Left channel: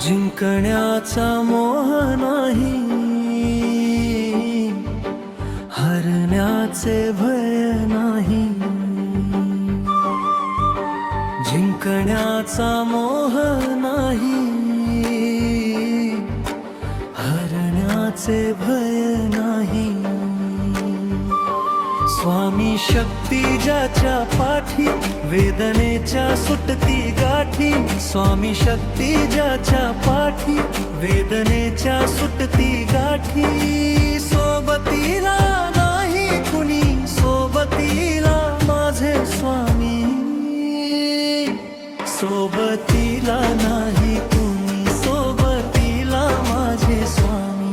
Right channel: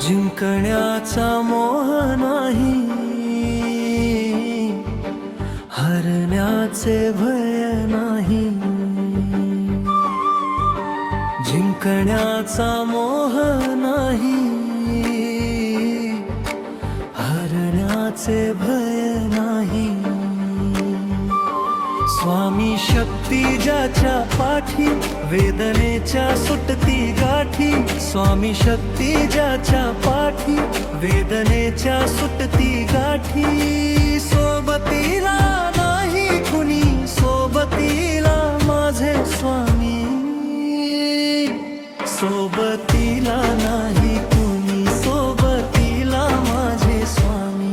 जिंकण्याचा मोह नाही, हरण्याचे भय नाही. जिंकण्याचा मोह नाही, हरण्याचे भय नाही. स्वामी शक्ती ज्याच्या पाठी, वेदनेच्या सुटती गाठी. स्वामी शक्ती ज्याच्या पाठी, वेदनेच्या सुटती गाठी. सोबतीला नाही कुणी, सोबतीला माझे स्वामी. सोबतीला नाही कुणी, सोबतीला माझे स्वामी.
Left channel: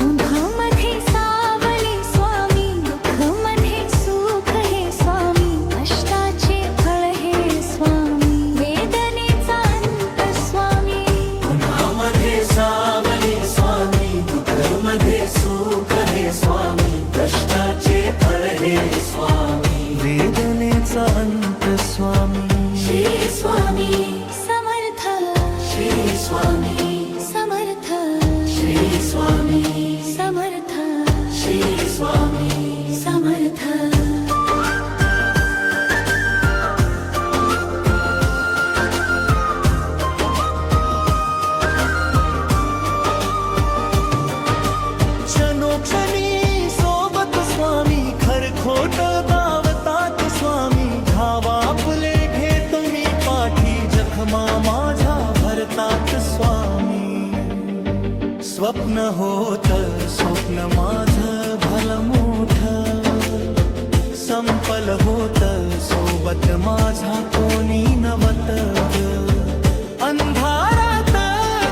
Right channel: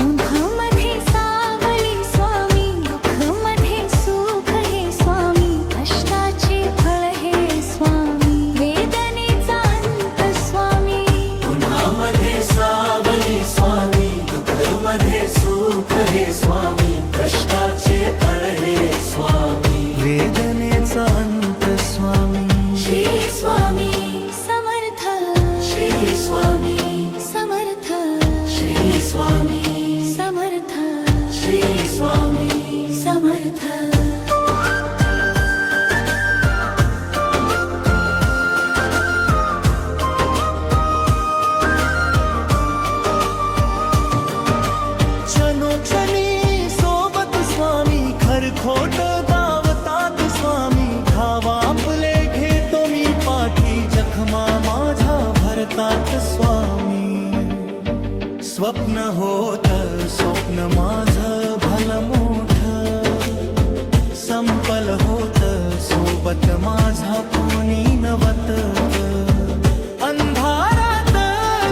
उन्हामध्ये सावली स्वामी, दुःखामध्ये सुख हे स्वामी. कष्टाचे फळ हे स्वामी, वेदनेचा अंत स्वामी. उन्हामध्ये सावली स्वामी, दुःखामध्ये सुख हे स्वामी. कष्टाचे फळ हे स्वामी, वेदनेचा अंत स्वामी. श्री स्वामी समर्थ, श्री स्वामी समर्थ, श्री स्वामी समर्थ, श्री स्वामी समर्थ. क्षणोक्षणी सोबत स्वामी, खरखोट दावतात स्वामी. घाव आपले घेतो मी पाठी, जखमा माझ्या भरतात स्वामी. स्वप्न होत स्वप्न माझं भलं मोठं, संपल होत सोबत माझा कोणी नवत. अंधारात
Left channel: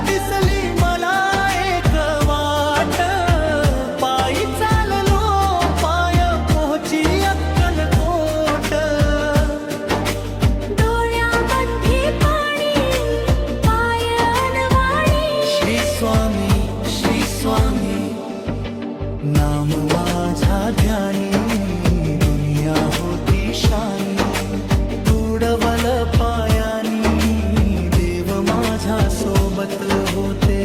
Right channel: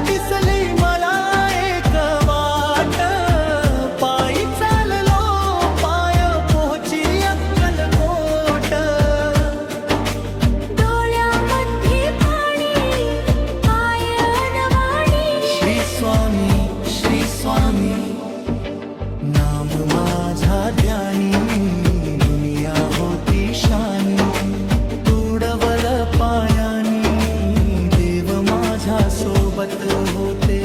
दिसली मला एक वाट, पायी चाललो पाय पोहची अक्कलकोट. डोळ्यामध्ये पाणी, पाय अनवाणी. श्री स्वामी, श्री स्वामी नाम माझा ध्यानी. दुनिया होती शानी, तुडवल पायानी. देव माझ्या सोबत होते,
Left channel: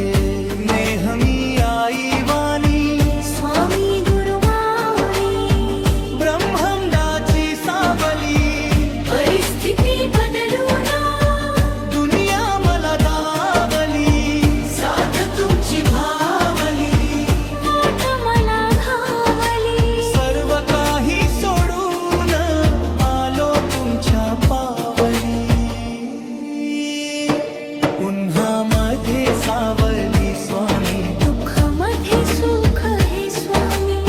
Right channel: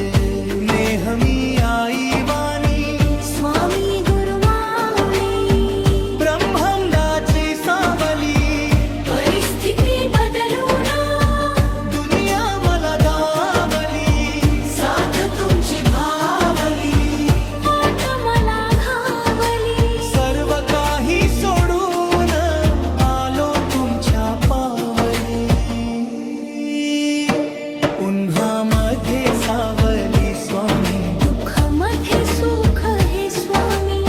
नेहमी आई वाणी. स्वामी गुरु माऊली, ब्रह्मांडाची सावली. परिस्थिती बदलून दुनिया मला धावली, साथ तुमची भावली. वाट मला घावली. सर्व काही सोडून आलो तुमच्या पावली. उन्हामध्ये सावली स्वामी, दुःखामध्ये सुख हे स्वामी.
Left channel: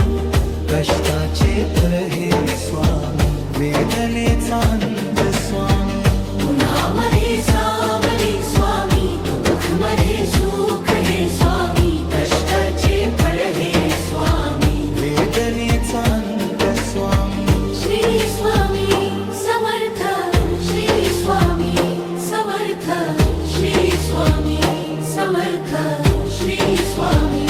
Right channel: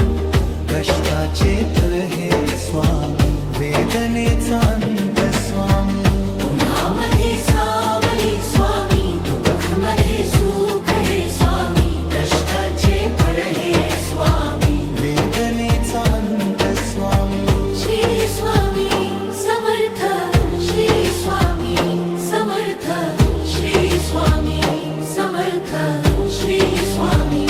कष्टाचे फळ हे स्वामी, वेदनेचा अंत स्वामी. उन्हामध्ये सावली स्वामी, दुःखामध्ये सुख हे स्वामी. कष्टाचे फळ हे स्वामी, वेदनेचा अंत स्वामी. श्री स्वामी समर्थ, श्री स्वामी समर्थ, श्री स्वामी समर्थ, श्री स्वामी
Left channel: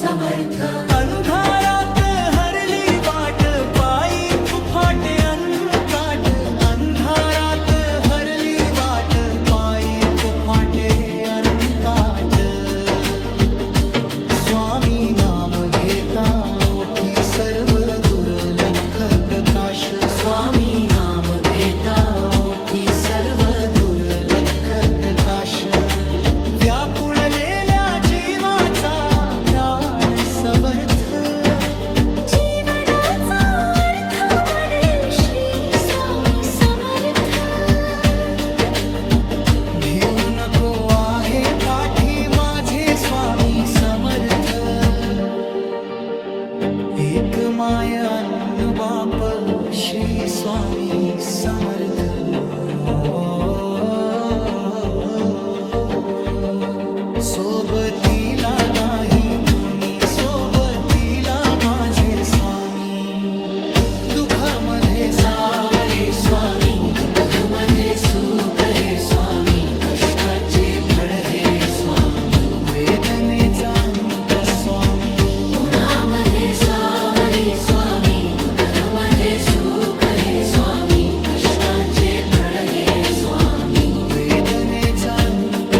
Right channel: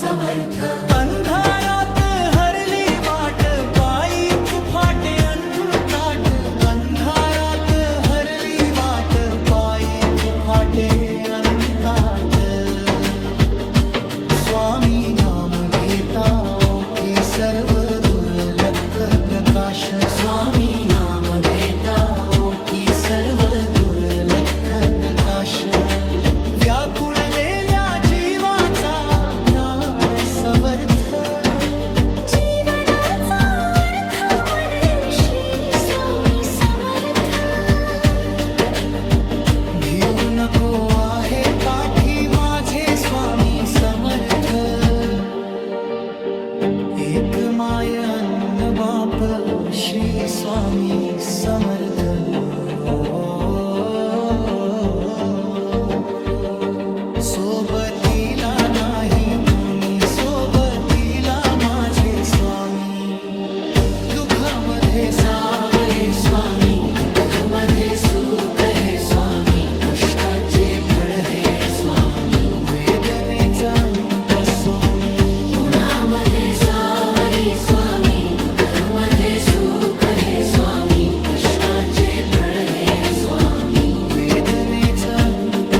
समर्थ. अंधारात हरली वाट, पायी फुफाटे अनकाट. अंधारात हरली वाट, पायी फुफाटे अनकाट. स्वामी नाम घेता ओठी सर्व दुर्लक्ष प्रकाश. स्वामी नाम घेता ओठी सर्व दुर्लक्ष प्रकाश. व्याकुळलेल्या जीवाचा प्राण समर्थ. जीवनाचा अर्थ म्हणेल श्री स्वामी समर्थ. भिऊ नको आहे पाठी माझे स्वामी समर्थ. एक माय अन्न बाप श्री स्वामी समर्थ. सोबतीला नाही कुणी, सोबतीला माझे स्वामी. दुःखामध्ये सावली स्वामी, दुःखामध्ये सुख हे स्वामी. कष्टाचे फळ हे स्वामी, वेदनेचा अंत स्वामी. उन्हामध्ये सावली स्वामी, दुःखामध्ये सुख हे स्वामी. कष्टाचे फळ हे स्वामी, वेदनेचा अंत